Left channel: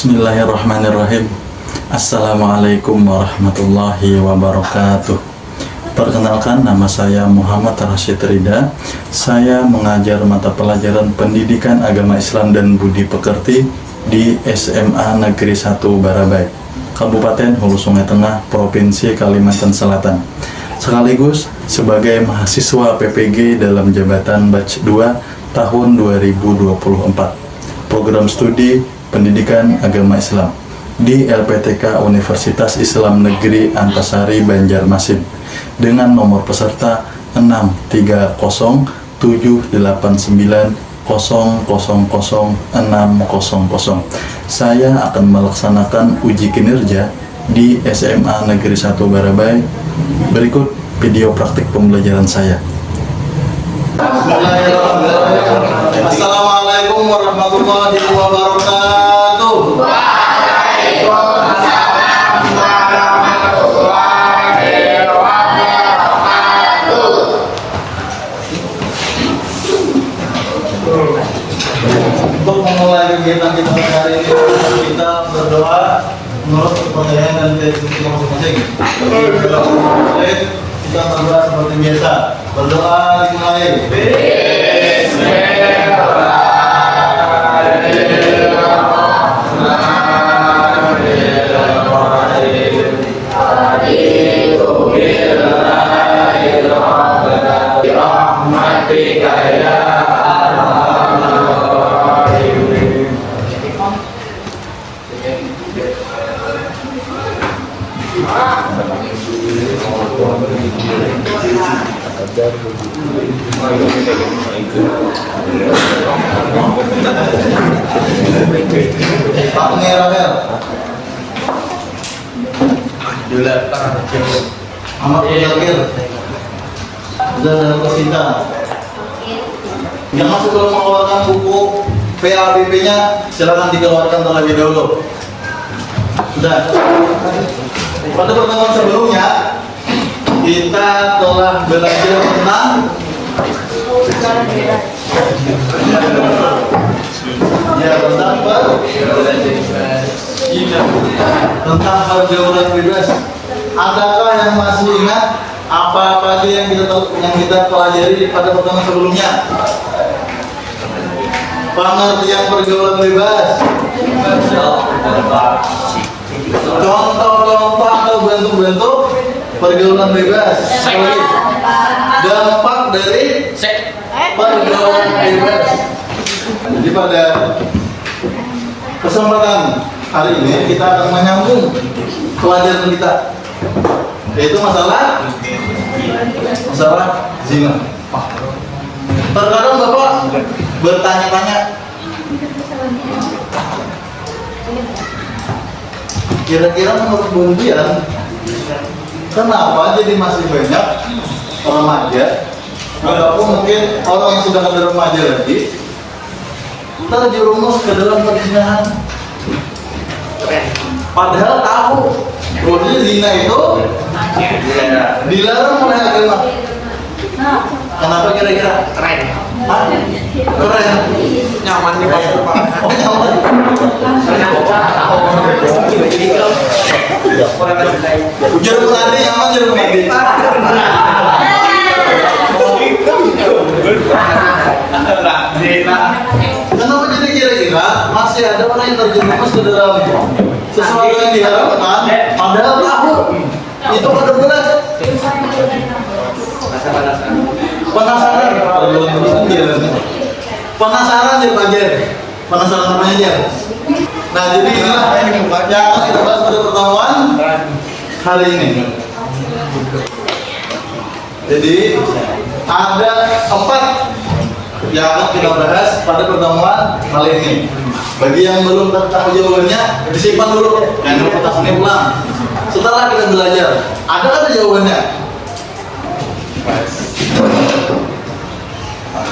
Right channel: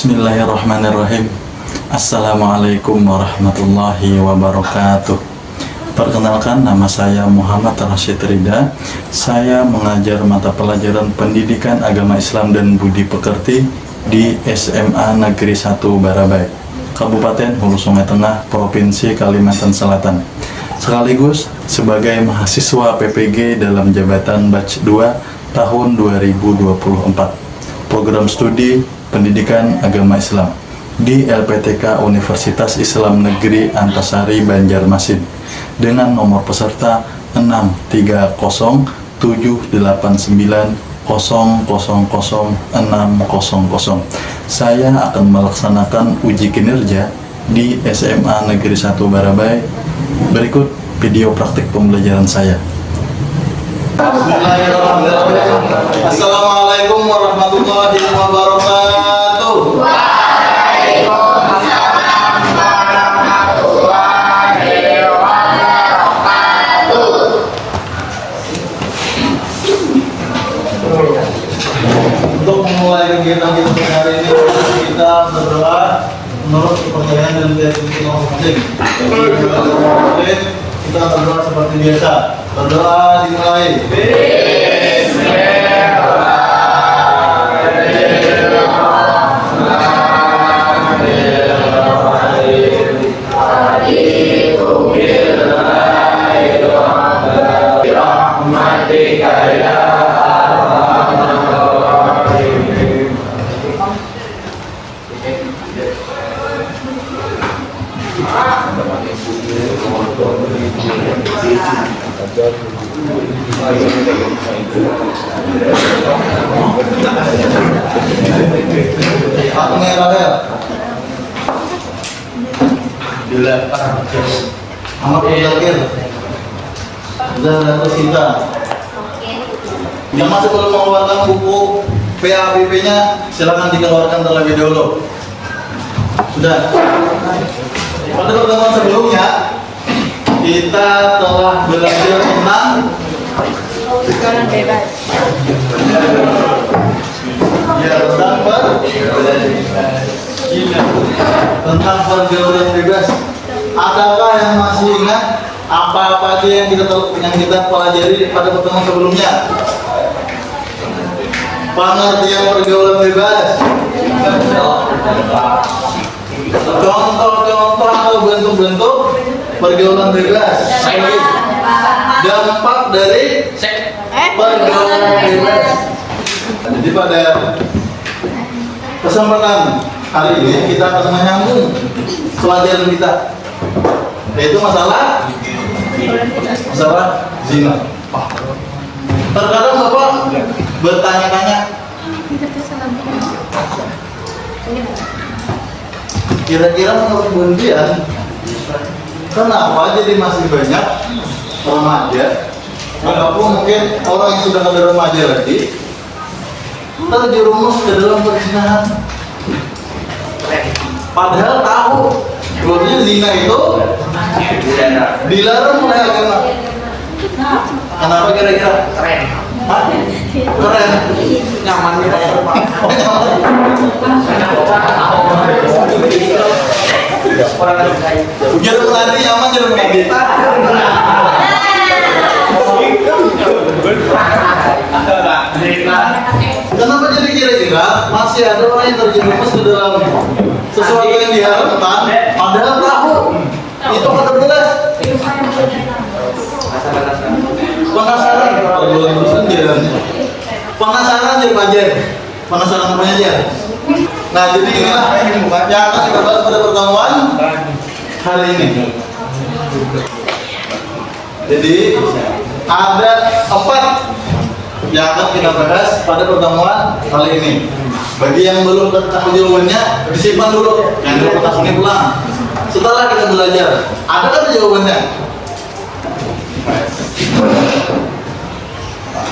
Bismillahirrahmanirrahim. Assalamualaikum warahmatullahi wabarakatuh. Perkenalkan, nama saya Muhammad Rashid Rida. Saya mengajar mata pelajaran Pendidikan Agama Islam dan Budi Pekerti di SMA Negeri 1 Barabai, Kabupaten Hulu Sungai Tengah, Provinsi Kalimantan Selatan. Sekaligus sebagai mahasiswa PPG dalam jabatan Batch 2 tahun 2024. Program studi Pendidikan Agama Islam di LPTK Universitas Islam Negeri Antasari Banjarmasin dengan nomor peserta 6308789000600. Saya akan melaksanakan uji kinerja di SMA Negeri 1 Barabai. Berikut video praktik pembelajaran saya. Bismillahirrahmanirrahim. Assalamualaikum warahmatullahi wabarakatuh. Waalaikumsalam warahmatullahi wabarakatuh. Untuk memulai kegiatan kita hari ini, kita berdoa menurut kepercayaan dan keyakinan masing-masing. Kita berdoa seperti biasa. Berdoa dimulai. Pak Merahel Ahmad Mudakir Zahra Sinta. Yang masih belum mengeluarkan buku PABP-nya, silakan dikeluarkan terlebih dahulu. Sudah. Pada pertemuan sebelumnya kita telah belajar tentang tentang pergaulan bebas. Adakah yang masih ingat apa-apa aja yang kita pelajari pada pertemuan sebelumnya? Pengertian pergaulan bebas, contoh-contoh atau bentuk-bentuk pergaulan bebas, dampak dari pergaulan bebas. Jadi pada kesempatan hari ini kita akan menyambung pelajaran kita, yaitu masalah zina. Terkadang Bapak bertanya-tanya, kira-kira menurut Bundian, kenapa jadi masih banyak remaja ataupun mungkin orang yang sudah ada remaja lagi terjerumus ke dalam perzinahan? Padahal tahu bahwa zina itu dilarang oleh agama. Kenapa kira-kira? Keren. Hah? Keren. Nyamannya Pak. Oh, nyaman. Ujar menadi nyaman, ujar menadi. Kenapa jadi kira-kira masih ada orang yang terjerumus ke dalam sesuatu yang diharapkan, padahal tahu itu ada benar. Penasaran, pergaulan terusan jalannya. Penasaran jadi aja. Penasaran apanya dia? Nah, jadi inilah yang akan kita bahas pada pertemuan hari ini. Jadi ada 4 yang akan kita bahas pada pertemuan kali ini. Bagi yang belum tahu jawabannya, disimpan dulu. Jangan lupa kertas ini pulang. Setelah kita belajar, ada kata jawabannya?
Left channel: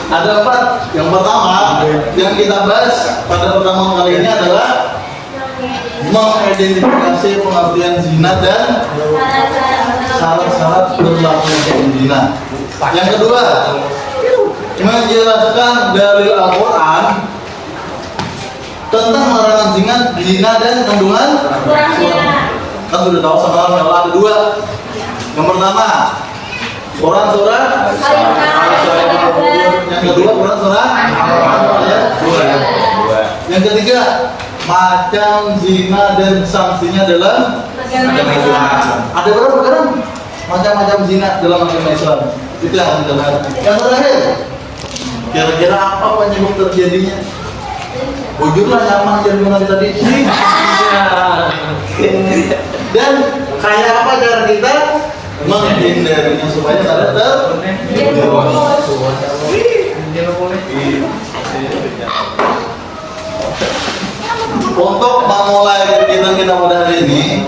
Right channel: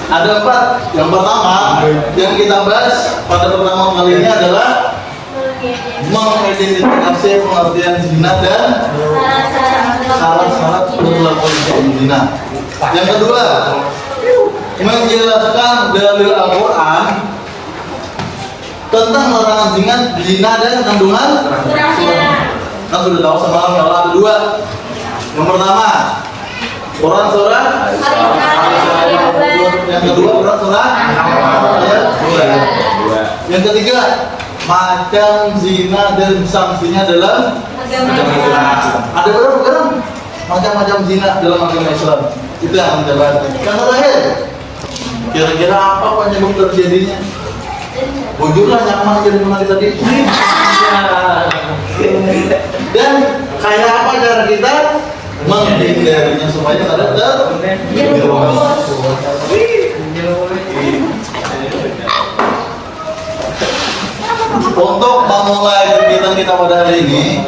Ada 4. Yang pertama yang kita bahas pada pertemuan kali ini adalah mengidentifikasi pengertian zina dan syarat-syarat berlakunya zina. Yang kedua, menjelaskan dalil Al-Quran tentang larangan zina dan kandungan kan sudah tahu sama kalau ada dua. Yang pertama Quran surah yang kedua Quran surah ayat 2. Yang ketiga macam zina dan sanksinya dalam ada berapa kan macam-macam zina dalam agama Islam itu yang menjelaskan. Yang terakhir kira-kira apa penyebab terjadinya? Bujurlah nyaman jadi menari tadi. Dan kayak apa cara kita menghindarinya supaya tidak terjerumus. Untuk memulai kegiatan kita pada hari ini,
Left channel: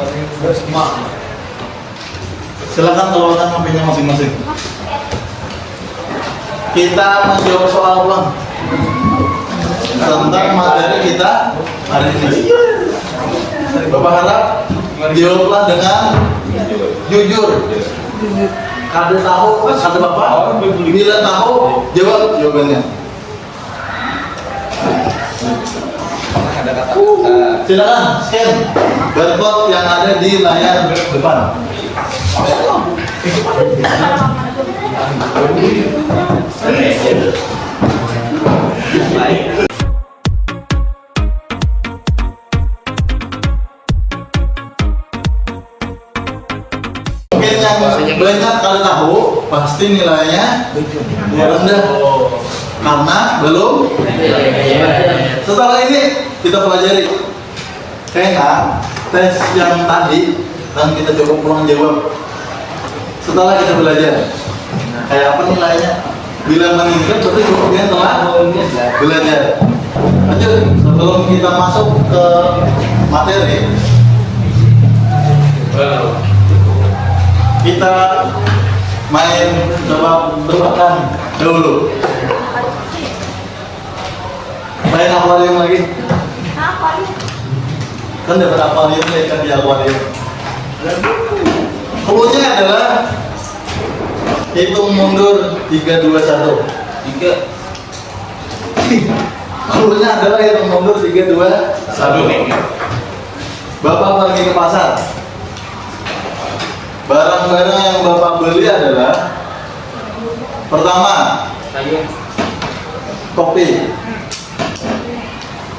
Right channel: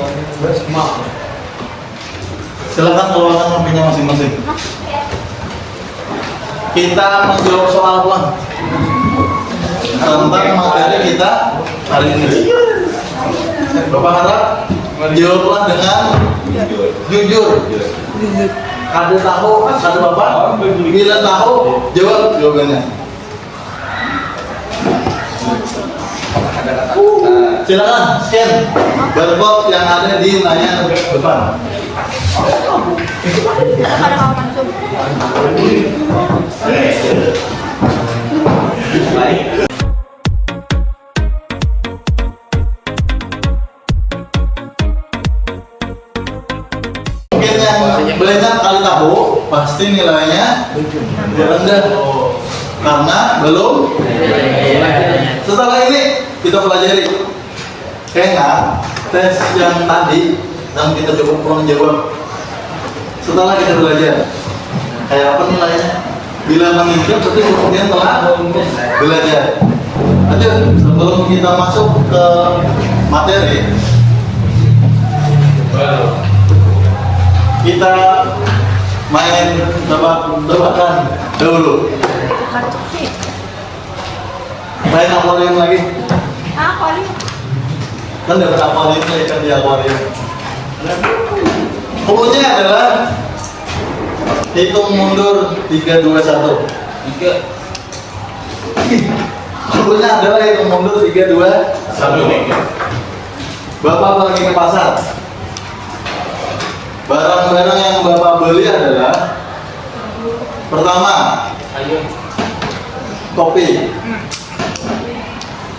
silakan keluarkan HP-nya masing-masing. Kita menjawab soal ulang tentang materi kita hari ini. Bapak harap jawablah dengan jujur. Ada tahu, ada Bapak. Bila tahu, jawab jawabannya. Silakan scan barcode yang ada di layar depan. Mungkin yang banyak kali tahu pasti nilainya rendah karena belum. Setelah ini kita pelajari kayaknya tes yang tadi dan kita coba pulang jawab. Setelah kita belajar kayak apa nilainya, bila mengingat berarti kemudian telah belajar. Lanjut, sebelum kita masuk ke materi, kita main tebak-tebakan dulu. Main akuarium lagi. Kan dapat akuarium nih kan di akuarium. Cluenya adalah hitung mundur 3, 2, 1. Cluenya adalah hitung mundur 3, 2, 1. Bapak pergi ke pasar. Barang-barang yang Bapak beli adalah pertama kopi,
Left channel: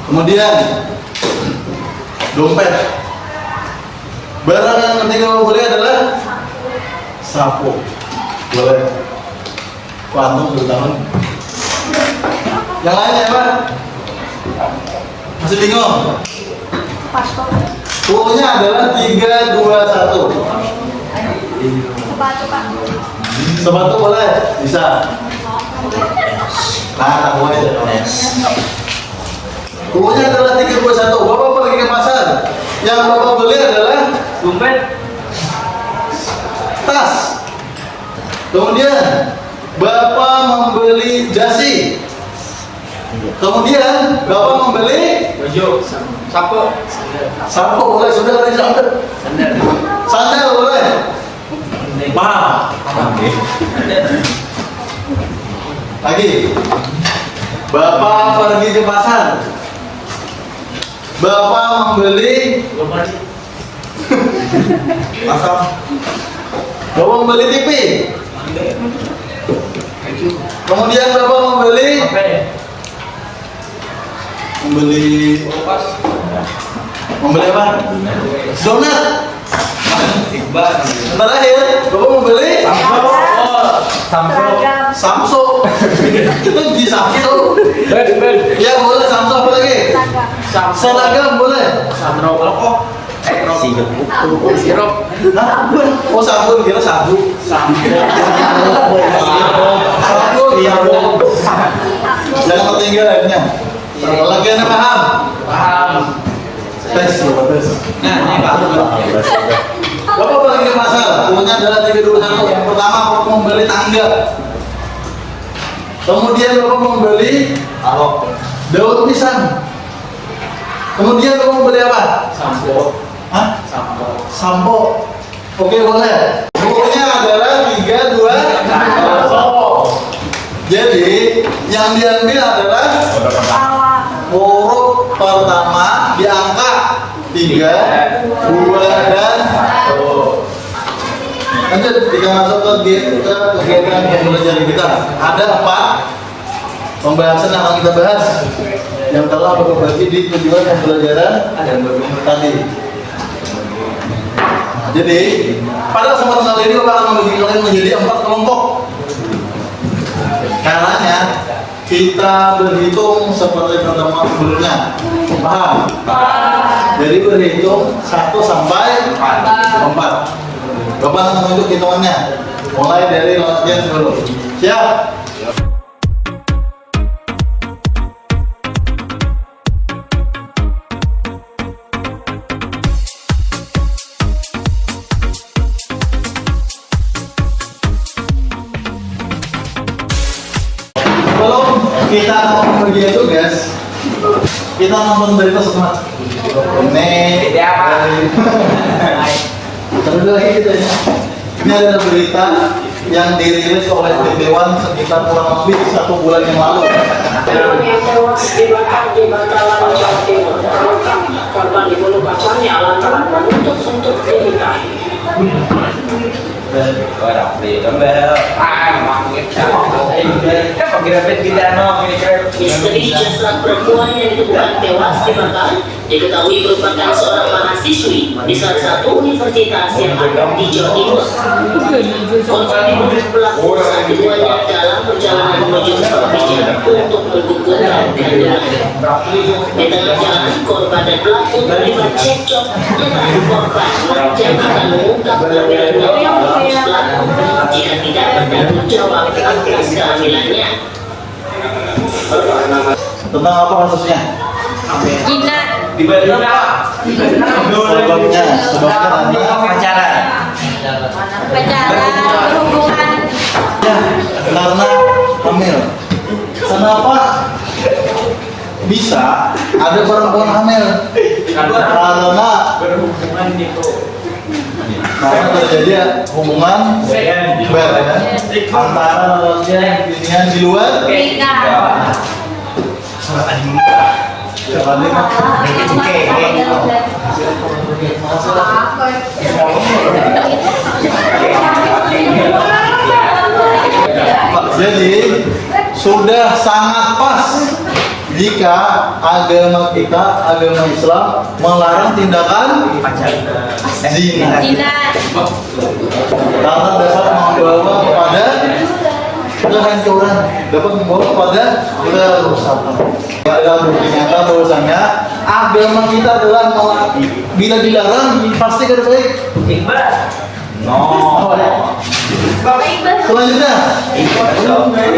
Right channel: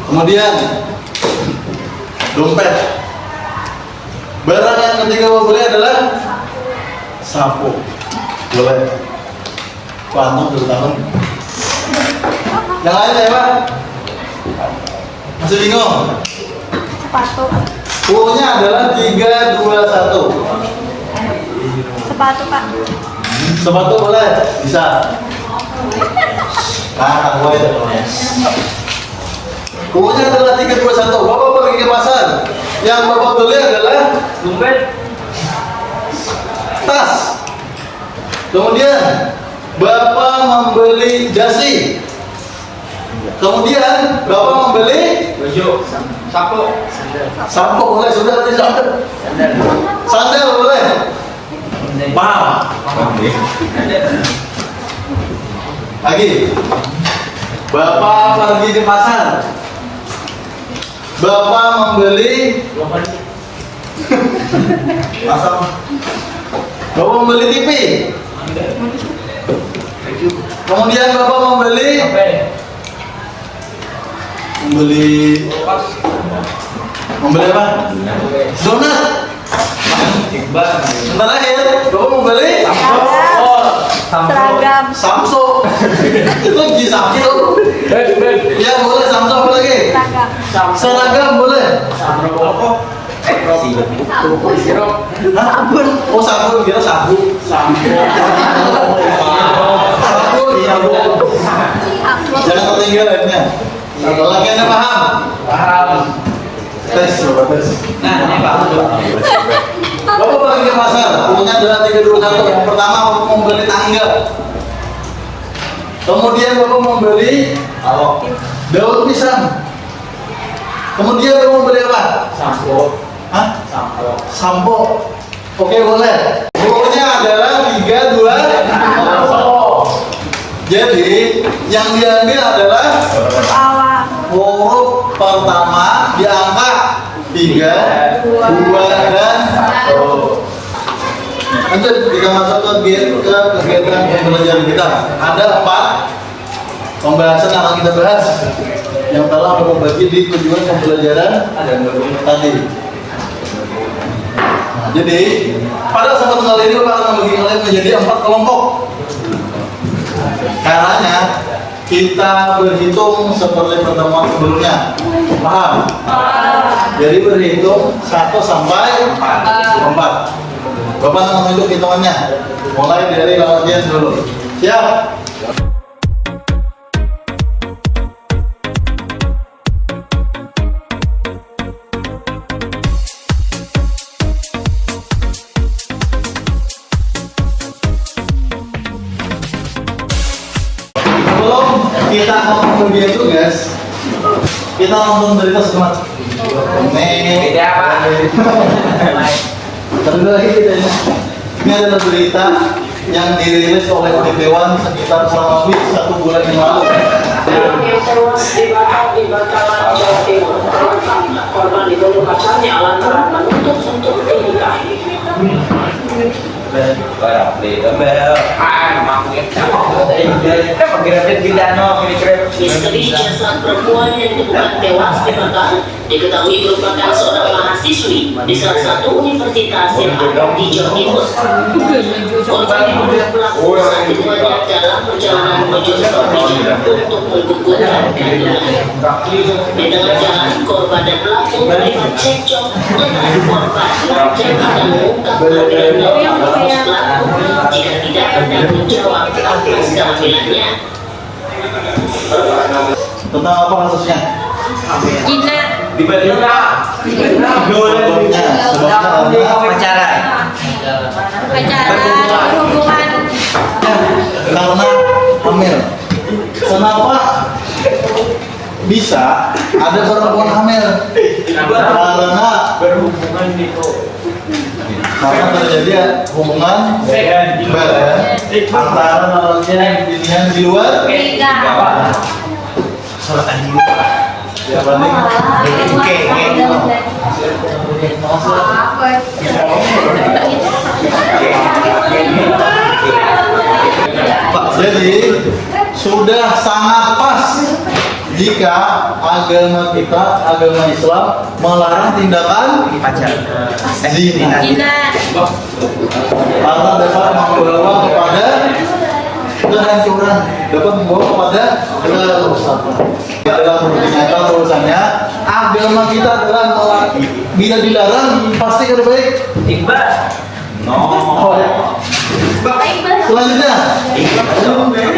kemudian dompet. Barang yang ketiga Bapak beli adalah sapu. Boleh. Kuantum 2 tahun. Yang lainnya apa? Masih bingung? Cluenya adalah 3, 2, 1. Sepatu Pak. Sepatu boleh? Bisa. Nah, tahu aja. Cluenya adalah 3, 2, 1. Bapak pergi ke pasar. Yang Bapak beli adalah dompet, tas. Kemudian Bapak membeli dasi. Kemudian Bapak membeli baju, sapu, sampo boleh, sudah tadi sandal. Sandal boleh. Paham? Lagi. Bapak pergi ke pasar. Bapak membeli Bapak membeli TV. Kemudian Bapak membeli apa? Donat. Yang terakhir, Bapak membeli Seragam. Samso. Itu di Samso. Ya boleh Samso, apa lagi? Seragam boleh. Hah? Oh sabun, kira sabu. Sabun. Jangan ketinggalan ya. Kalau lagi Anda paham? Tes, coba tes. Bapak pergi ke pasar, punya adalah 3, 2, 1. Yang pertama Bapak membeli tangga. Kemudian Bapak membeli daun pisang. Kemudian Bapak membeli apa? sampo, Hah? Sampo. Oke, boleh. Pokoknya adalah 3, 2, 1. Jadi yang diambil adalah huruf pertama 3, 2, dan lanjut kita masuk ke kegiatan pembelajaran kita. Ada 4 pembahasan yang akan kita bahas yang telah berbagi di tujuan pembelajaran tadi. Jadi pada kesempatan kali ini Bapak akan membagi kalian menjadi 4 kelompok. Caranya kita berhitung seperti pertemuan sebelumnya. Paham? Jadi berhitung 1 sampai 4. Bapak akan menunjuk hitungannya. Mulai dari latihan dulu. Siap? Sebelum kita akan membagian tugas, kita nonton berita sebentar. Ini terus lagi kita ini ada berita yang dirilis oleh Dewan sekitar kurang lebih 1 bulan yang lalu. Yang tewas dibakar di Batalan, Jawa Timur. Korban dibunuh pacarnya lantaran menuntut untuk dinikahi. Misteri jasad perempuan yang ditemukan tewas dibakar diketahui merupakan seorang mahasiswi di salah satu universitas yang ada di Jawa Timur. Korban dibunuh pelaku saat keduanya dalam perjalanan menuju tempat pijat untuk menggugurkan kandungannya. Di tengah jalan, korban dan pelaku terlibat cekcok dengan korban mengajak akan mengungkap kehamilannya pelaku jika tidak bertanggung jawab atas kehamilannya. Tentang apa kasusnya? Gina. Sebabnya karena Pacaran. Berhubungan. karena hamil. Kenapa bisa ada perempuan hamil? Karena terjadi hubungan badan antara lawannya yang di luar. Siapa nih? Jadi sudah sangat pas jika agama kita, agama Islam melarang tindakan zina. Karena dapat membawa kepada kehancuran, dapat membawa kepada kerusakan. Dalam ternyata bahwasanya agama kita adalah bila dilarang pasti kada baik. Selanjutnya,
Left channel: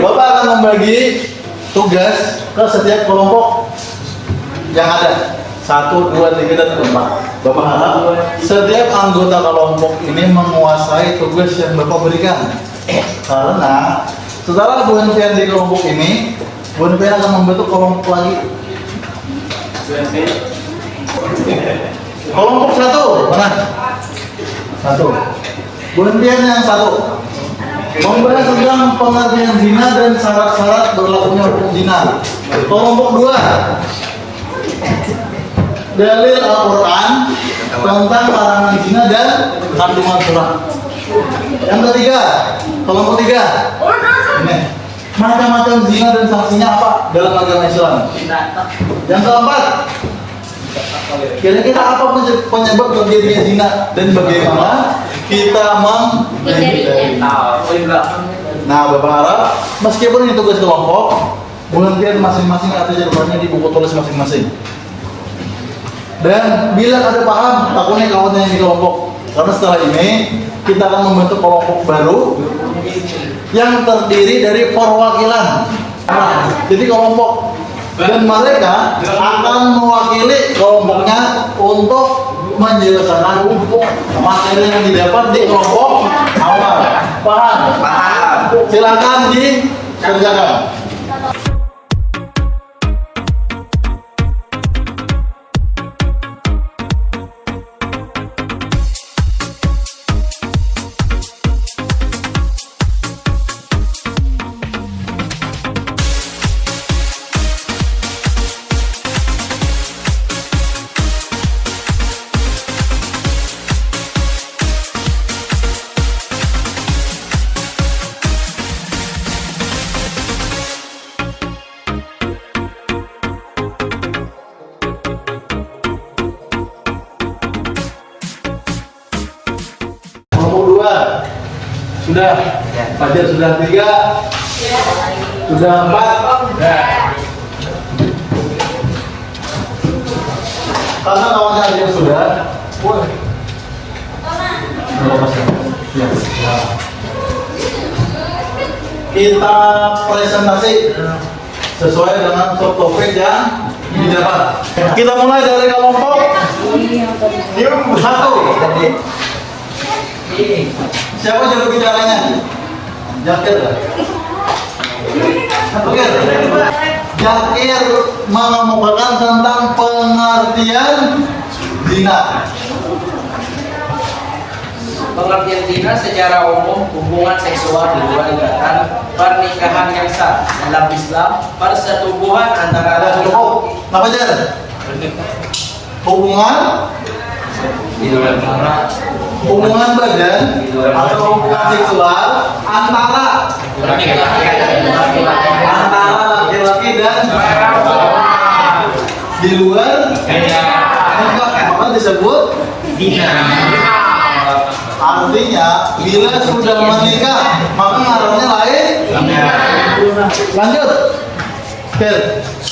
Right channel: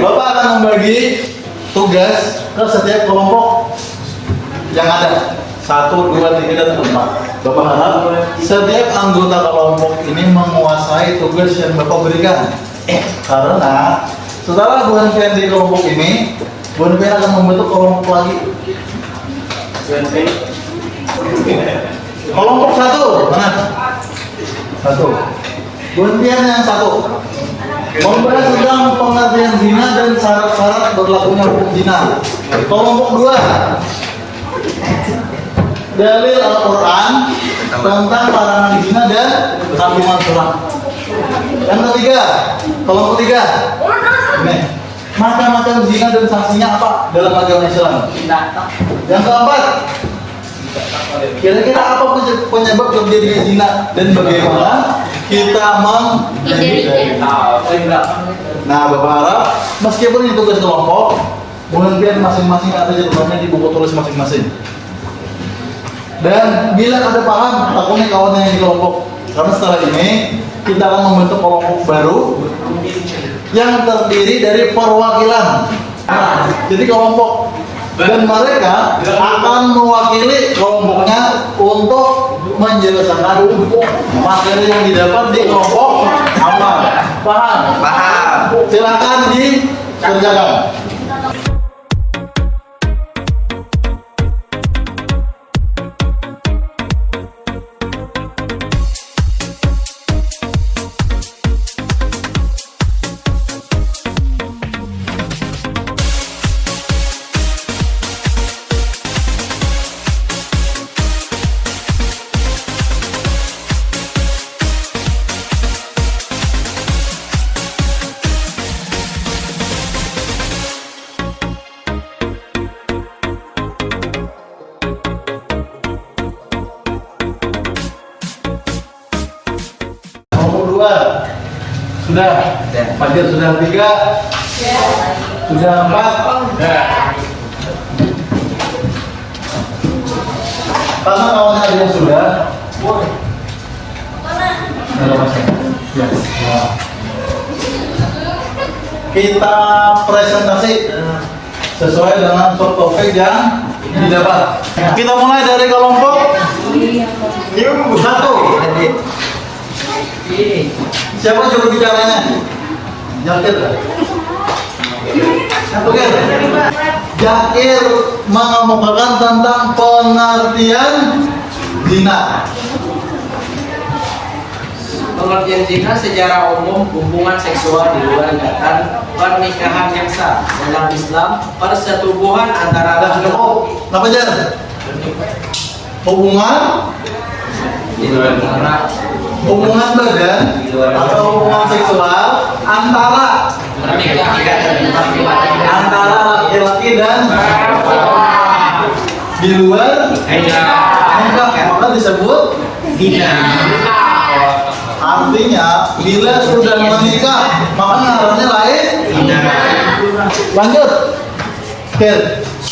Bapak akan membagi tugas ke setiap kelompok yang ada 1, 2, 3, dan 4. Bapak harap setiap anggota kelompok ini menguasai tugas yang Bapak berikan. Karena setelah berhentian di kelompok ini, berhentian akan membentuk kelompok lagi. Kelompok 1 mana? 1. Berhentian yang 1 membahas tentang pengertian zina dan syarat-syarat berlakunya hukum zina. Kelompok 2 dalil Al-Quran tentang larangan zina dan kandungan surat. Yang ketiga, kelompok 3 ini macam-macam zina dan sanksinya apa dalam agama Islam. Yang keempat, kira-kira apa penyebab terjadinya zina dan bagaimana kita menghindari. Nah, Bapak harap meskipun ini tugas kelompok, pengertian masing-masing ada jadwalnya di buku tulis masing-masing. Dan bila ada paham, takutnya kawannya yang di kelompok. Karena setelah ini kita akan membentuk kelompok baru yang terdiri dari perwakilan. Nah, jadi kelompok dan mereka akan mewakili kelompoknya untuk menjelaskan materi yang didapat di kelompok awal. Paham? Silakan dikerjakan. Sudah. Fajar sudah 3. Sudah 4. Karena kawannya ada yang sudah. Ya. Kita presentasi sesuai dengan short topik yang didapat. Kita mulai dari kelompok New 1. Siapa juru bicaranya? Jakir. Jakir mengemukakan tentang pengertian zina. Pengertian zina secara umum hubungan seksual di luar ikatan pernikahan yang sah dalam Islam, persetubuhan antara Ada cukup. Apa aja? Hubungan hubungan badan atau hubungan seksual antara laki-laki dan di luar nikah, maka disebut zina. Artinya bila sudah menikah maka ngarannya lain. Lanjut.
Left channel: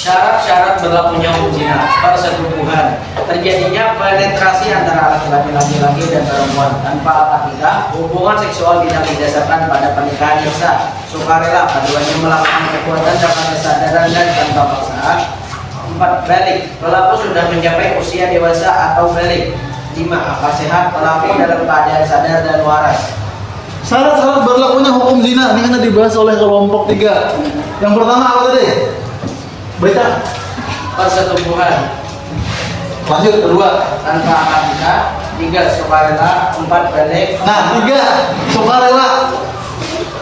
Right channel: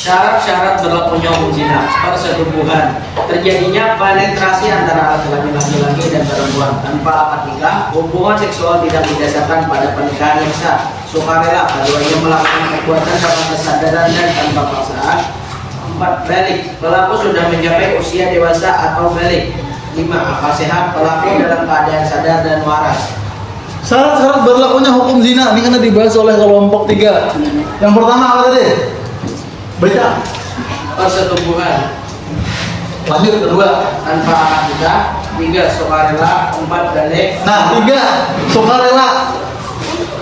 syarat-syarat berlakunya hukum zina, persetubuhan, terjadinya penetrasi antara laki-laki dan perempuan tanpa akad nikah, hubungan seksual tidak didasarkan pada pernikahan yang sah, sukarela, keduanya melakukan perbuatan tanpa kesadaran dan tanpa paksaan. 4. Balik, pelaku sudah mencapai usia dewasa atau balik. 5. Akal sehat, pelaku dalam keadaan sadar dan waras. Syarat-syarat berlakunya hukum zina ini kan dibahas oleh kelompok 3. Yang pertama apa tadi? Baca. Persetubuhan, Lanjut kedua. tanpa akad nikah. 3. Sukarela. 4. Balik. Nah 3 sukarela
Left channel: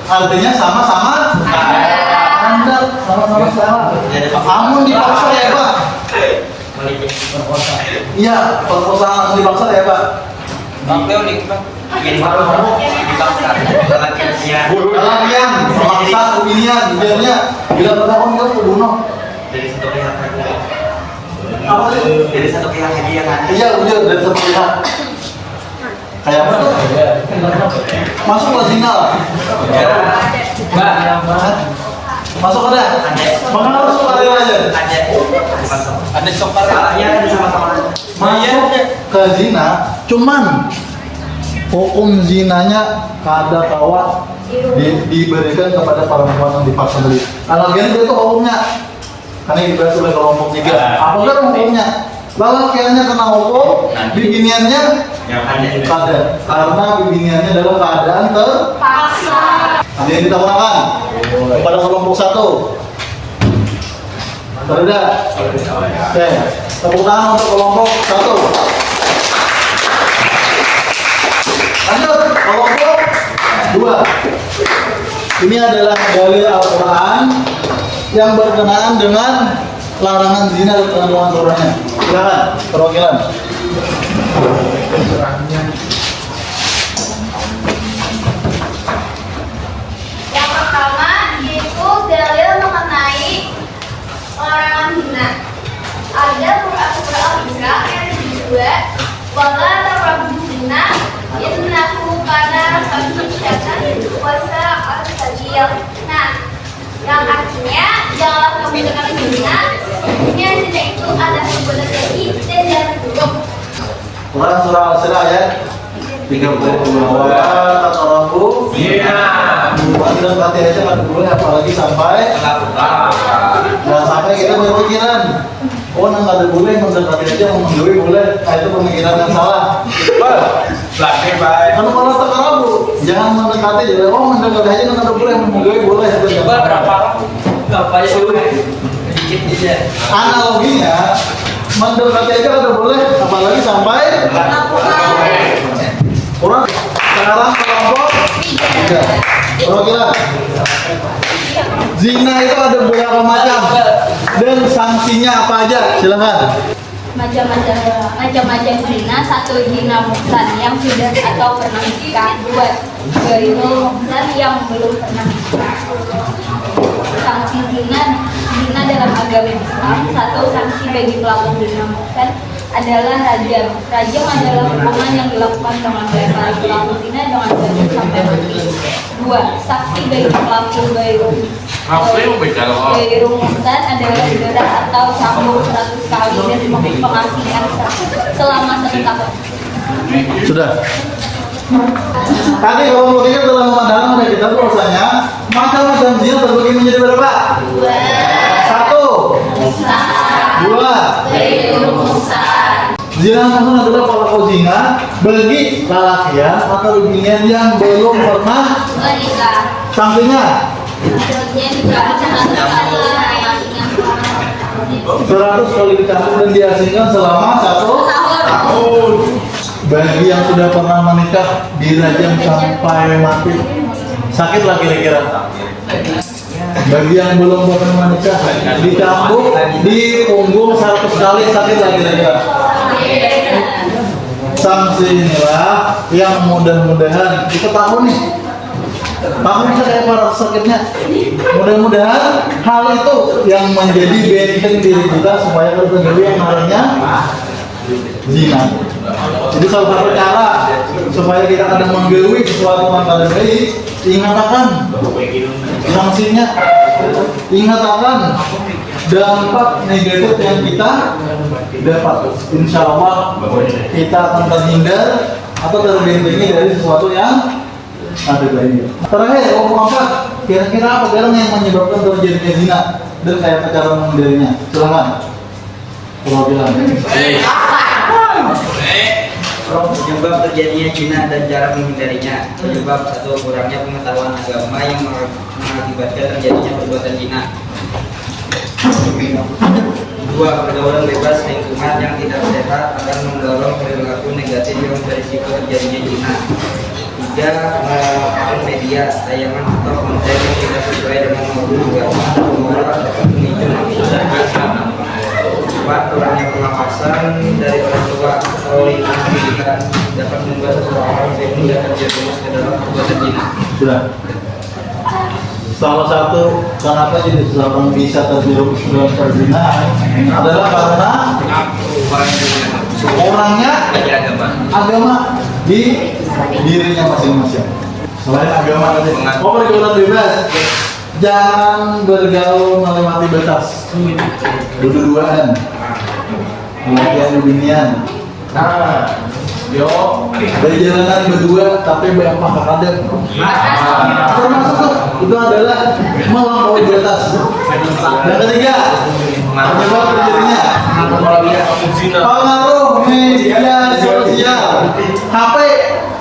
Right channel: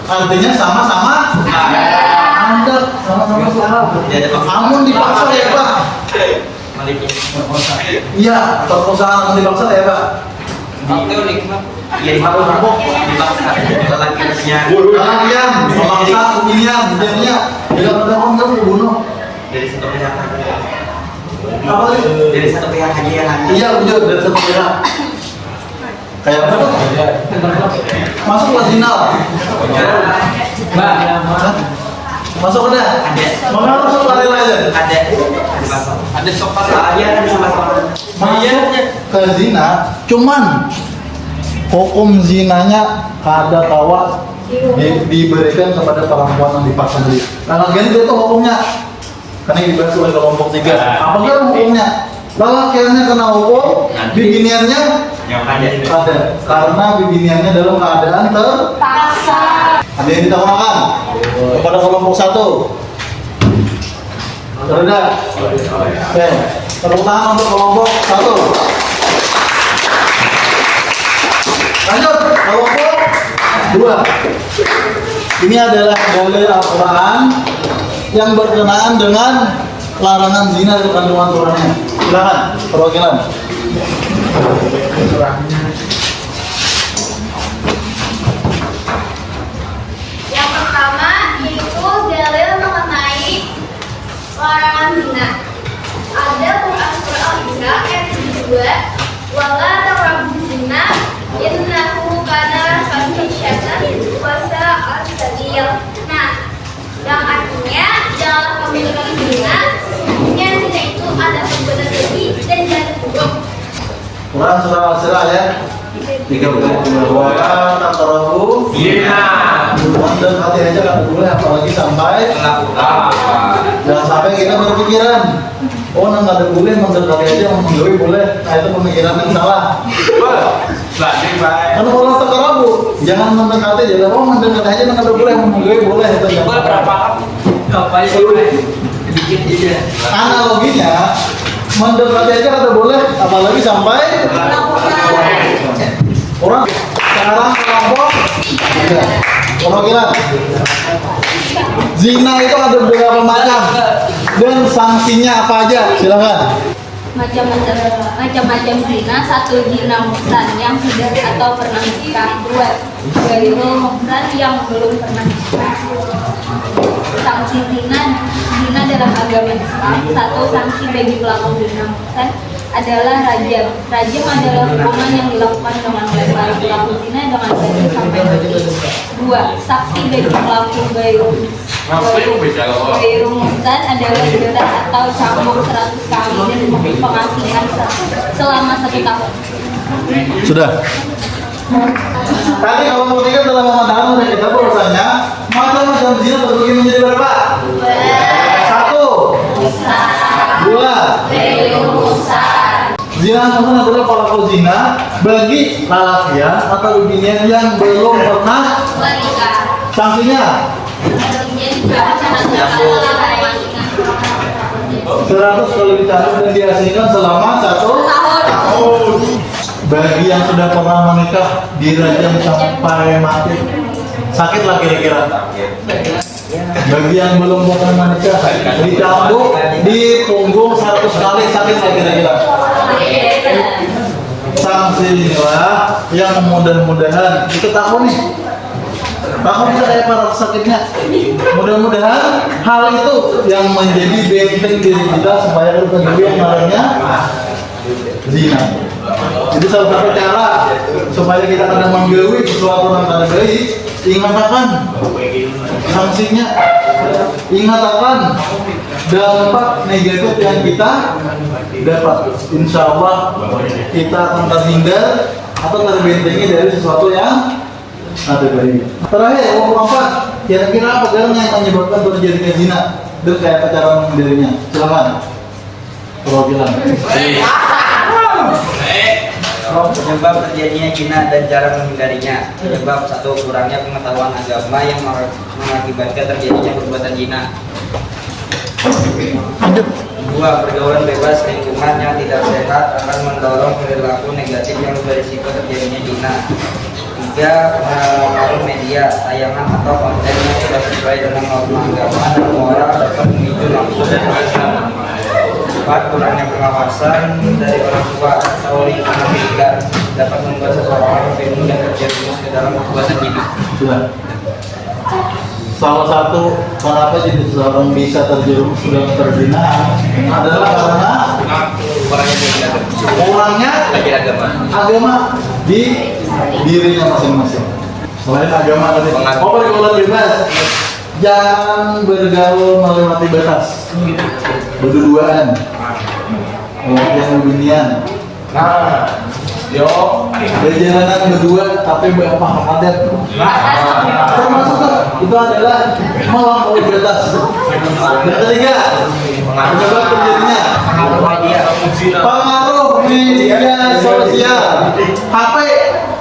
artinya sama-sama Anda sama-sama salah. Amun dipaksa ya Pak. Iya perkosaan dipaksa ya Pak. Jadi harus dipaksa. Kalian memaksa pilihan biarnya bila terdakwa dia membunuh. Dari satu pihak aja. Apa sih? Dari satu pihak aja yang ada. Iya udah dari satu pihak. Kayak apa? Masuklah zina. Masuk ada? Maka harus sukarela aja. Ada sopar salahnya ada di sama. Masuk ke zina, cuman hukum zinanya kada kawa diberikan kepada perempuan yang dipaksa tadi. Nah, lagian itu hukumnya. Karena dibahas oleh kelompok 3. Apakah hukumnya? Lelakiannya kena hukum, bibiniannya Yang ada. karena bibiniannya dalam keadaan terpaksa. Ada yang kita gunakan kepada kelompok 1. Sudah. Oke, tepuk tangan untuk kelompok 1. Lanjut, kelompok 2. Ini adalah dalil Al-Quran yang berkenaan dengan larangan zina dan kandungan surahnya. Silakan, perwakilan. Yang pertama yaitu dalil mengenai larangan zina. Ada Quran surah Al-Isra ayat 72, wala taqrabu zina innahu kana fahisyatan wa sa'a sabil. Nah, yang artinya janganlah kamu mendekati zina. Sesungguhnya zina itu ada perbuatan keji dan jalan buruk. Quran surah Al-Isra ayat 30. Wala taqrabu Iya. dan mati aja kan boleh, apalagi sampai jangan sampai kita berpikiran nggak ada boleh mendekati aja menggawai boleh. Nah itu pemikiran yang salah. Kalau taqrabu jangan mendekati, jadi mendekati aja nggak ada boleh, menggawai boleh. Itu jangan. Berapa sedikit aja. Analoginya mendekati aja nggak boleh, apalagi sampai orang. Sekarang kelompok 3. Perwakilan. Zina itu ada beberapa macam dan sanksinya apa aja? Silakan. Macam-macam zina. 1. Zina muhsan yang sudah atau pernah nikah. 2. Ghairul muhsan yang belum pernah nikah. Sanksi zina dalam agama Islam. 1. Sanksi bagi pelaku zina muhsan adalah rajam. Rajam adalah hukuman yang dilakukan dengan melempari pelaku zina dengan denda sampai mati. 2. Saksi bagi pelaku gairu muhsan adalah denda atau cambuk 100 kali dan pengasingan selama 1 tahun. Sudah. Tadi kalau tiga telah memandang oleh kita bahwasanya macam-macam zina terbagi menjadi berapa? 1, 2. Zina muhsan adalah pelaku zina bagi lelakian atau binian yang belum pernah Menikah. sanksinya 100 kali dicambuk dan diasingkan selama 1 tahun. Bagi yang sudah pernah menikah dirajam sampai mati. Sakit lah kira-kira. Bagi yang belum pernah menikah dicambuk di punggung 100 kali, sakit lah kira-kira. Sanksi inilah yang mudah-mudahan kita tahu nih. Tahu saya para sakitnya. Mudah-mudahan hal itu yang menjadi benteng diri kita supaya kita menjauhi yang namanya zina. Jadi salah satu cara supaya kita kadang menggauhi sesuatu yang tidak baik, ingat akan sanksinya, ingat akan dampak negatif yang kita dapat. Insya Allah kita akan terhindar atau terbentengi dari sesuatu yang ada baiknya. Terakhir, ngomong apa? Kira-kira apa galang yang menyebabkan terjadinya zina dan kayak cara menghindarinya? Silakan. Kalau bilang. Penyebab terjadinya zina dan cara menghindarinya. Penyebab 1. Kurangnya pengetahuan agama yang mengakibatkan terjadinya perbuatan zina. 2. Pergaulan bebas lingkungan yang tidak sehat akan mendorong perilaku negatif yang berisiko terjadinya zina. 3. Pengaruh media, tayangan atau konten yang tidak sesuai dengan norma agama dan moral dapat memicu nafsu dan hasrat. 4. Kurangnya pengawasan dari orang tua atau lingkungan pendidikan dapat membuat seseorang bingung dan terjerumus ke dalam perbuatan zina. Sudah. Salah satu kenapa jadi seseorang bisa terjerumus dalam perzinahan adalah karena kurangnya agama di dirinya masing-masing. Selain agama tadi, pergaulan bebas, jangan bergaul melewati batas, berdua-duaan, yang beginian. Berjalanan berdua tapi banyak adab. Termasuk itu adalah melampaui batas. Dan ketiga, penyebab terjadinya pengaruh media sosial. HP,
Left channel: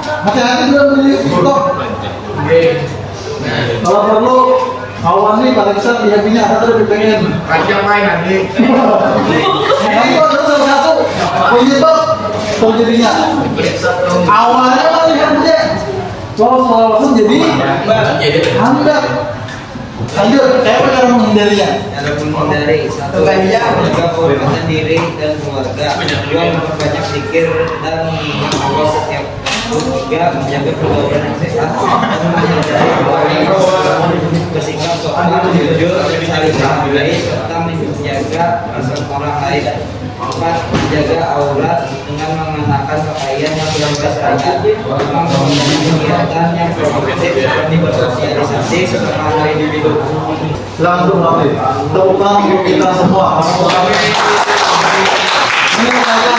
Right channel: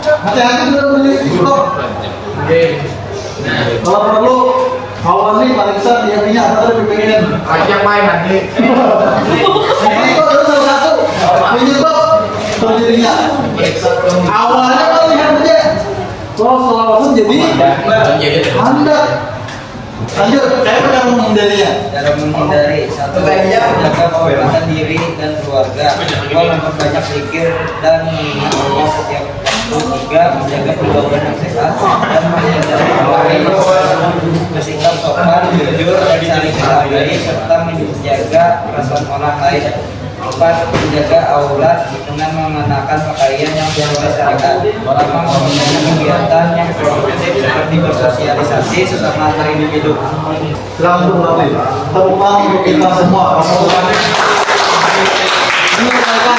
hati-hati dalam beli TikTok. Kalau perlu, kawan nih paling besar dia punya atau lebih pengen Aja main nanti. Nah, itu adalah salah satu penyebab terjadinya. Awalnya kan lihat aja, langsung jadi hambat. Lanjut, saya cara menghindarinya. Cara menghindari: 1. Menjaga kehormatan diri dan keluarga. 2. Memperbanyak zikir dan mengingat Allah setiap waktu. 3. Menjaga pergaulan yang sehat dan menghindari bersikap sopan, jujur, dan saling menghargai serta menjaga perasaan orang lain. 4. Menjaga aurat dengan mengenakan pakaian yang sesuai syariat. 5. Mempunyai kegiatan yang produktif seperti bersosialisasi sesama antar individu. Silakan untuk Raffi. Tepuk tangan untuk kita semua. Ini misalkan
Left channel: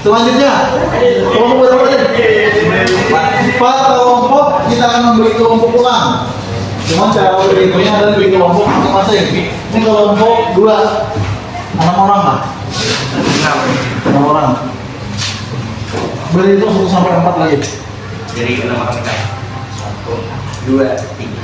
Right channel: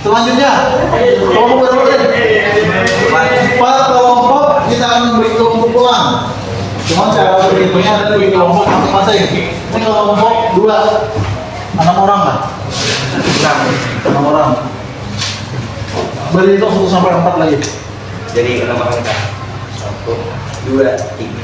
selanjutnya kelompok berapa nih? 4 kelompok kita akan memberi kelompok ulang. Cuma cara berhitungnya adalah bagi kelompok masing-masing. Ini kelompok 2, 6 orang kan? 6 orang. Berhitung 1 sampai 4 lagi. Jadi 6 orang. 1, 2, 3.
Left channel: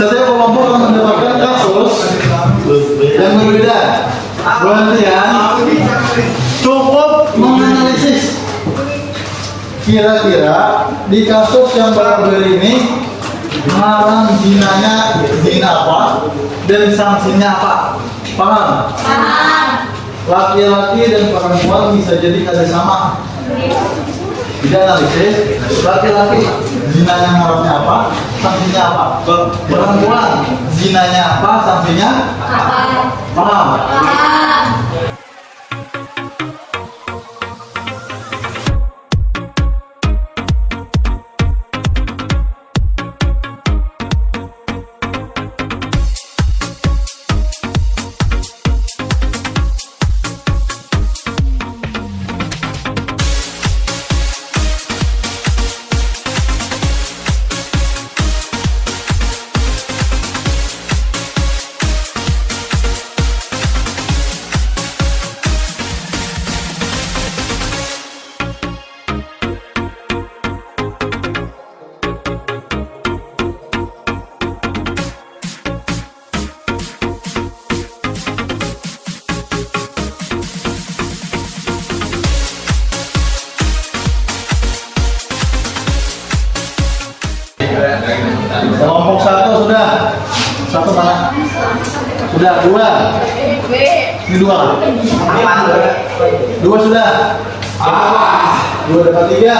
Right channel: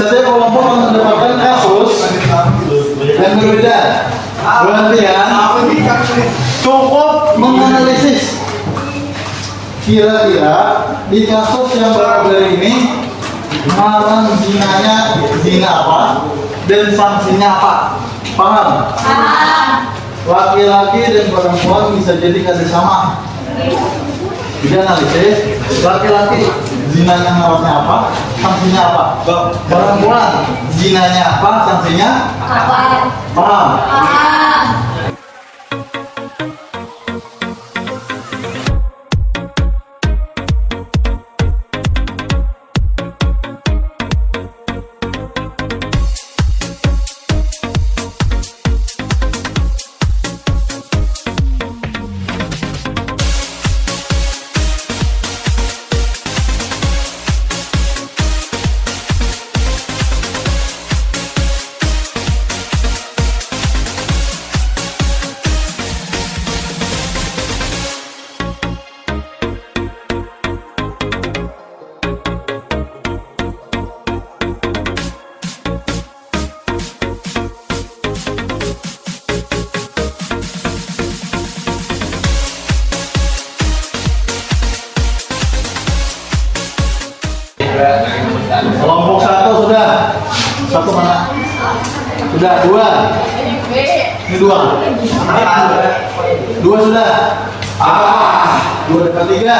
Setiap kelompok akan mendapatkan kasus yang berbeda. Berarti ya, cukup menganalisis kira-kira di kasus yang berbeda ini ngarang zinanya zina apa dan sanksinya apa. Paham? Laki-laki dan perempuan bisa jadi kerjasama. Jadi analisis, laki-laki zinanya ngarannya apa, sanksinya apa. Perempuan zinanya apa, sanksinya apa. Paham? Kelompok satu sudah. Satu mana? Sudah, dua. Ini dua. Dua sudah. Dua dapat tiga.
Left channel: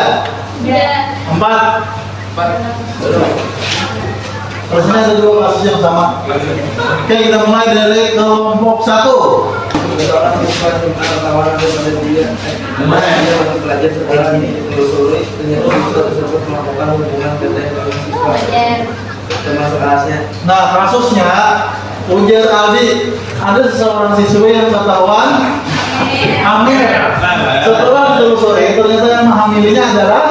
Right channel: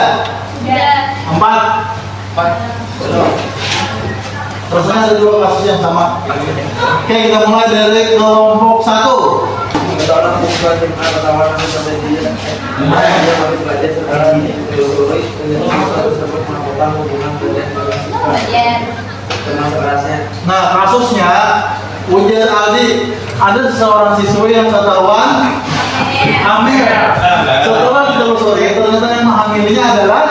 Empat. Rasanya ada dua kasus yang sama. Oke, kita mulai dari kelompok satu. Nah, kasusnya ujar Aldi, ada seorang siswi yang ketahuan hamil. Setelah ditelusuri, ternyata yang menghamilinya adalah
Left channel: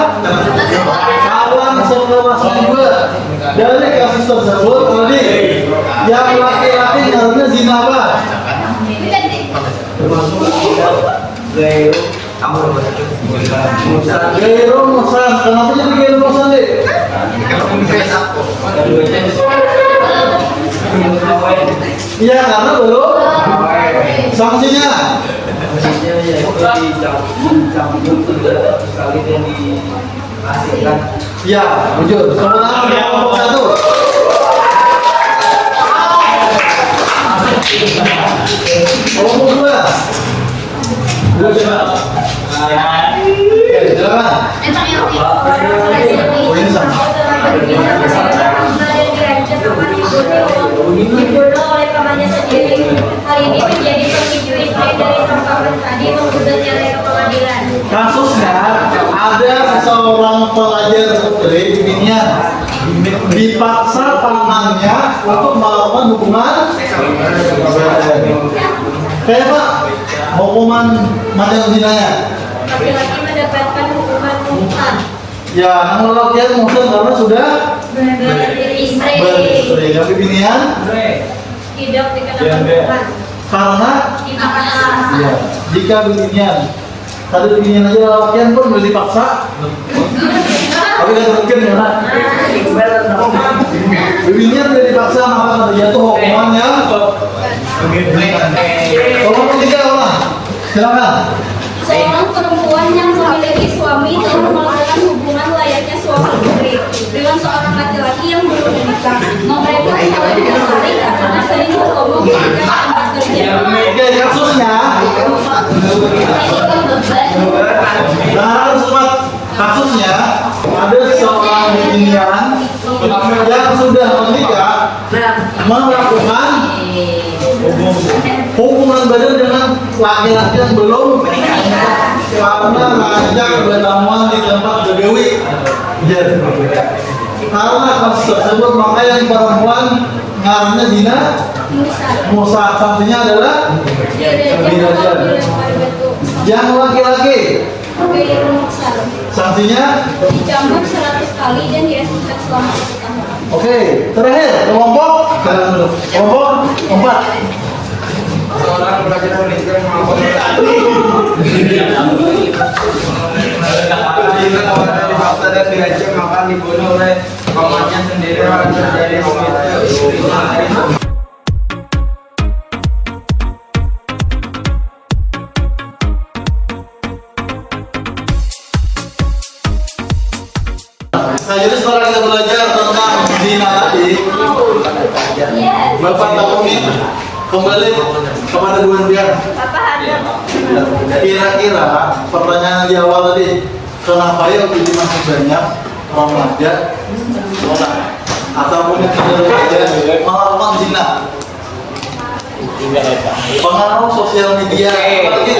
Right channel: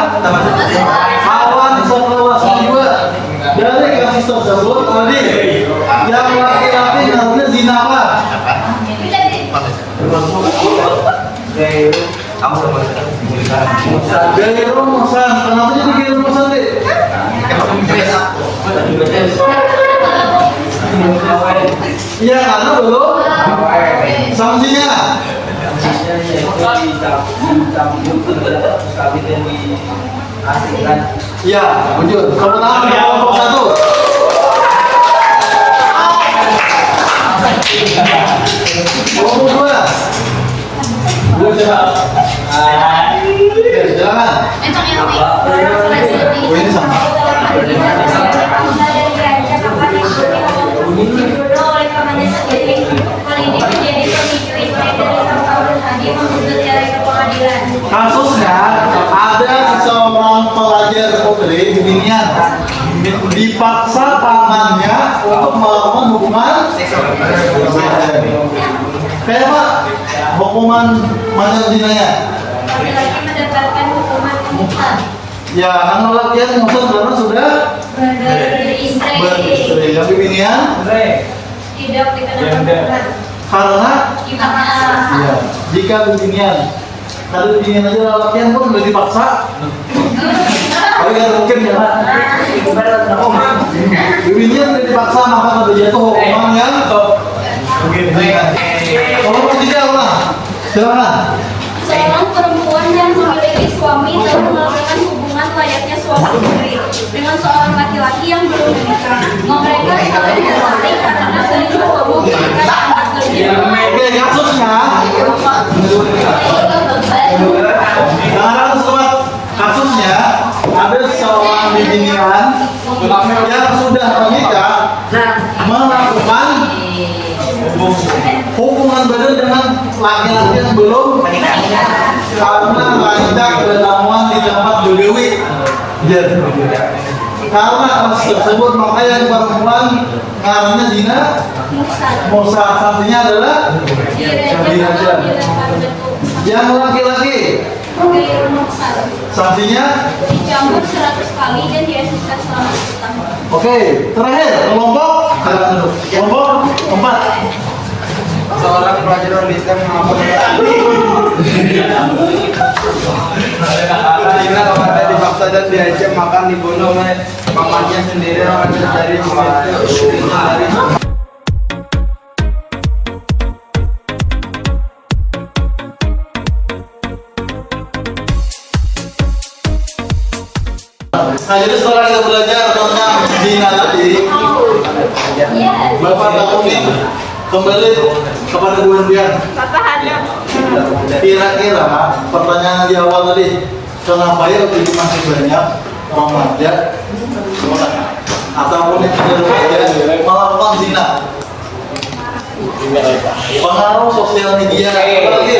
kawan sekelasnya juga. Dari kasus tersebut, Aldi, yang laki-laki harusnya zina apa? Gairu musan. Kenapa jadi gairu musan, Dik? Iya, karena belum sanksinya. Iya, muncul. Tepuk tangan untuk kelompok satu. Kelompok dua. Dua siapa? Oke, silakan. Oh, ini sama. Dibunuh oleh kawannya sendiri. Hal ini menjadi pemicu istri dari sang kawan tadi menggugat cerai ke pengadilan. Kasusnya ada seorang pelajar putri di Binian dipaksa pamannya untuk melakukan hubungan kayak apa? Hukuman macam zinanya. Laki-laki mendapatkan hukuman mungkar. Ya, namun laki-laki maksud karena sudah Beristri beristri. Tapi Binian tidak dikenakan hukuman. karena Dipaksa. ya, jika Binian tadi Binian aja laki-laki pun udah dipaksa. Tapi kan mungkin ya, Pak. Binian udah dipaksa maka ada jatuh hukuman yang tolong ketiga ulang. Silakan. Seorang perempuan yang memiliki suami telah melakukan hubungan layaknya suami istri dengan seorang laki-laki yang belum menikah. Mereka saling tertarik karena sering bertemu ketika tempat kerja. Oke, kasusnya. Nah, sobat, kasusnya ada seorang Binian yang sudah menikah melakukan hubungan badan dengan laki-laki yang belum karena ngajak bertemuan di tempat bedewi. Karena kasus tersebut maka yang perempuan ngarannya zina musa, sanksinya adalah dirajam. Yang laki-laki sanksinya dicambuk 100 kali dan diasingkan selama 1 tahun. oke. Terakhir kelompok 4. Seorang pelajar militer jika kawannya dipaksa dan diajak makan dibunuh oleh pamannya sendiri terjadi Nah, jadi setelah kita belajar tentang zina tadi, Yes. Bapak Takuni kembali kepada Bu Endian. Papa ada. Kira-kira pertanyaan di awal tadi, kenapa ya itu masih banyak remaja ataupun yang sudah remaja melakukan zina? Pengaruh sosial media, apa lagi?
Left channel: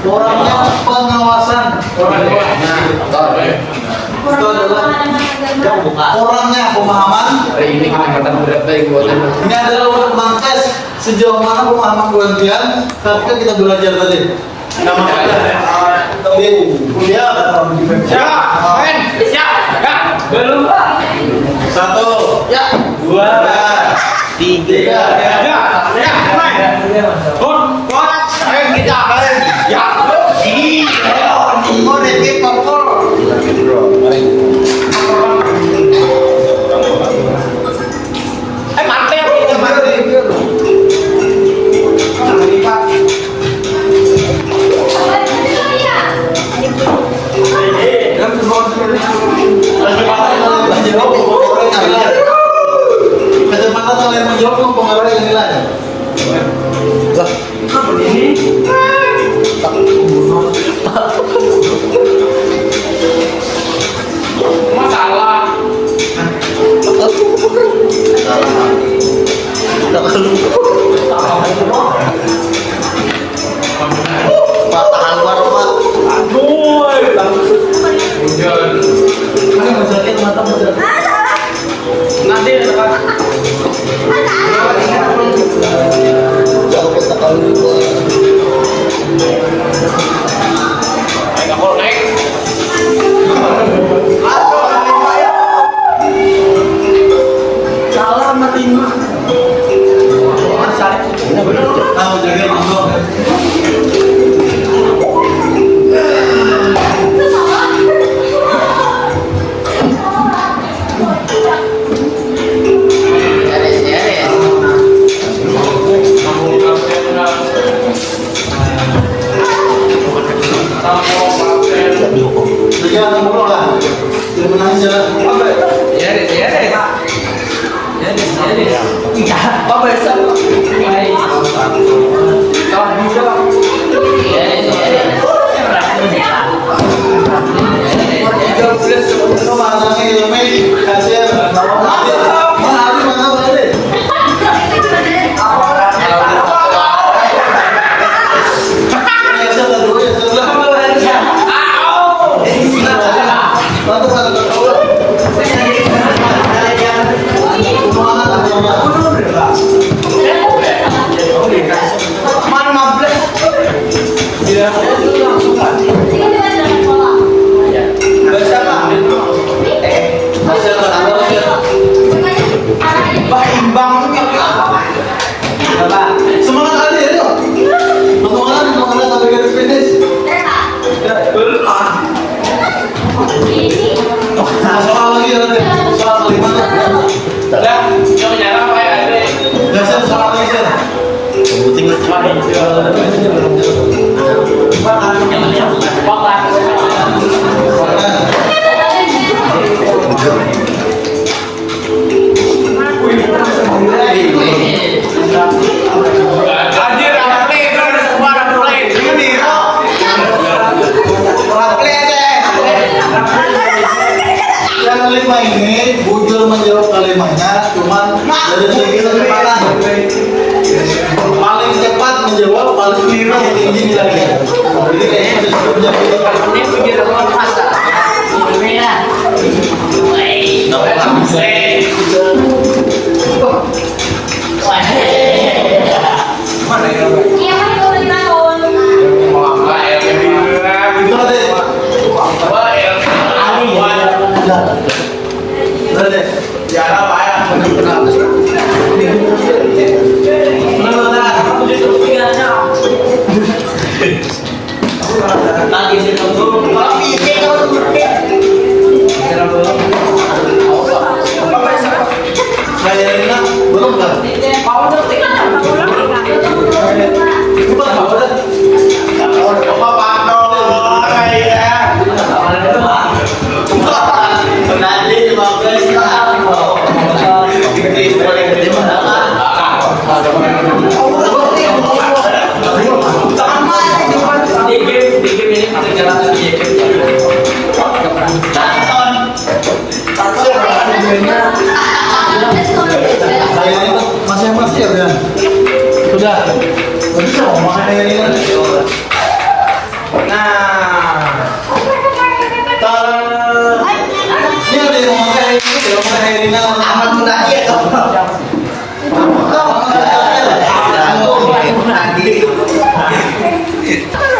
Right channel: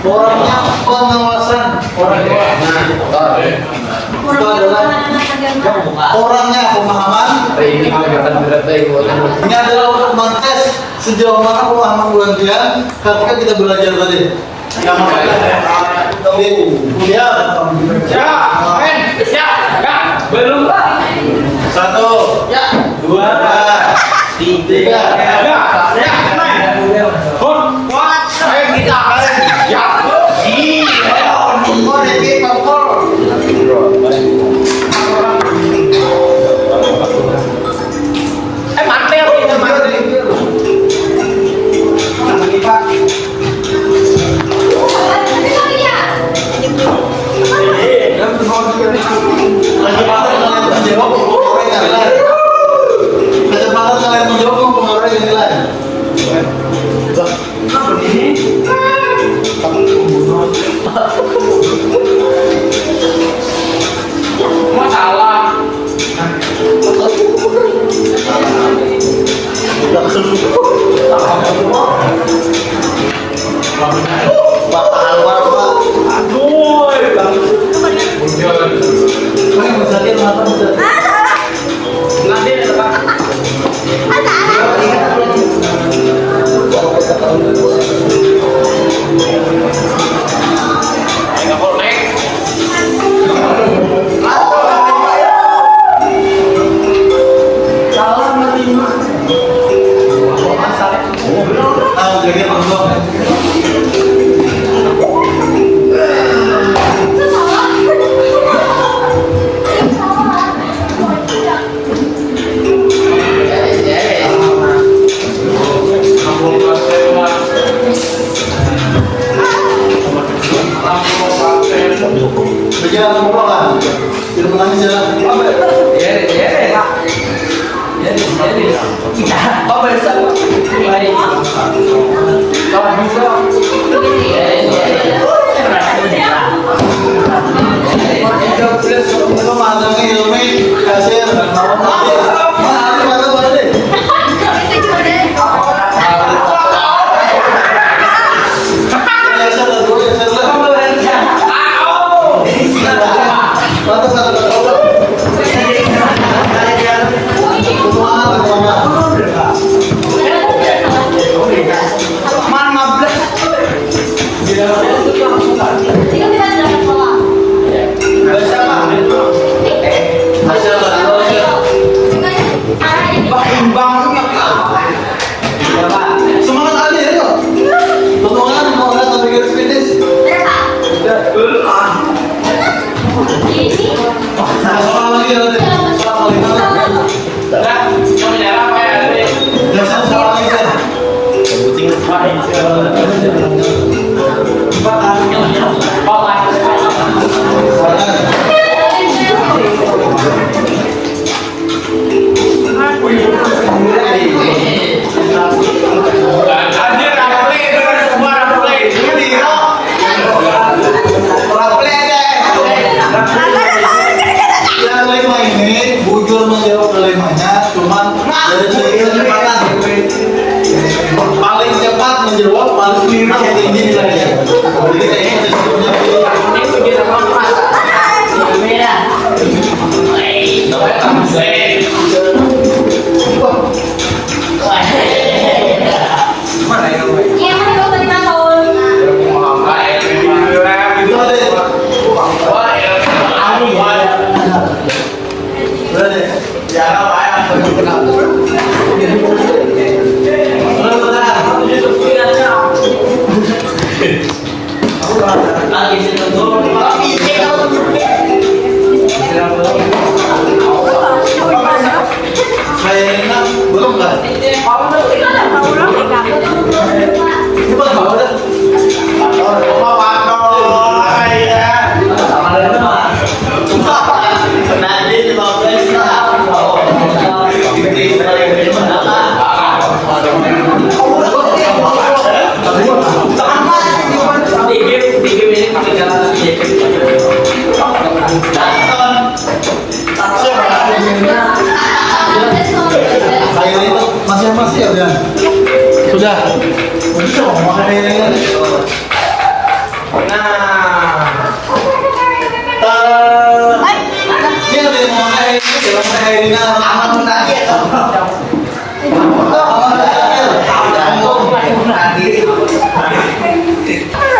Kurangnya pengawasan orang tua. Itu adalah kurangnya pemahaman. Ini adalah untuk mengtes sejauh mana pemahaman buantian ketika kita belajar tadi. Nah, masukkan di kuliah. Belum Pak. 1, Ya. 2, 3. Kecepatan kalian menjawab mempengaruhi nilai. Nah, jaga langsung. Jangan ngomong lah. Tidak menangis jalan. Semangat Ali ya, yuk. Potongan sampai garis finish. Soal lagi nanti. Soal kelima. Ya, soal lagi kan. Yang kelima ini bujur menjawab kalimahnya cuman dari segi kecepatan. Paling cepat menjawab paling tinggi nilainya. Jadi kayaknya ada sebelum jam ini. mengakhiri. Nah, Ini ada yang mengakhiri, yang mengakhiri amat menadi ya toh.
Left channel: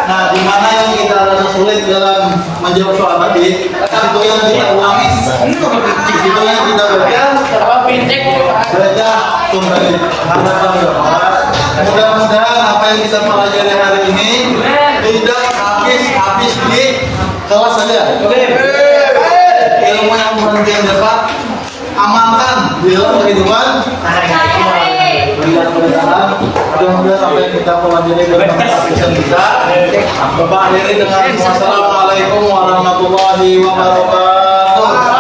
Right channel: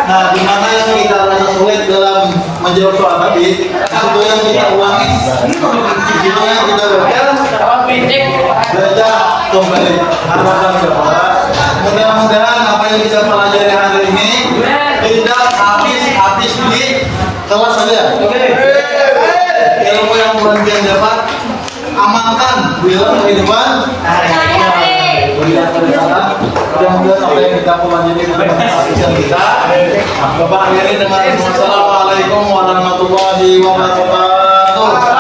Nah, di mana yang kita rasa sulit dalam menjawab soal tadi, itu yang kita ulangi, itu yang kita baca kembali. Harapan bahwa mudah-mudahan apa yang kita pelajari hari ini tidak habis di kelas saja. Ilmu yang kemudian dapat amalkan di dalam kehidupan. Mudah-mudahan apa yang kita pelajari dalam kita. Bapak akhiri dengan wassalamualaikum warahmatullahi wabarakatuh.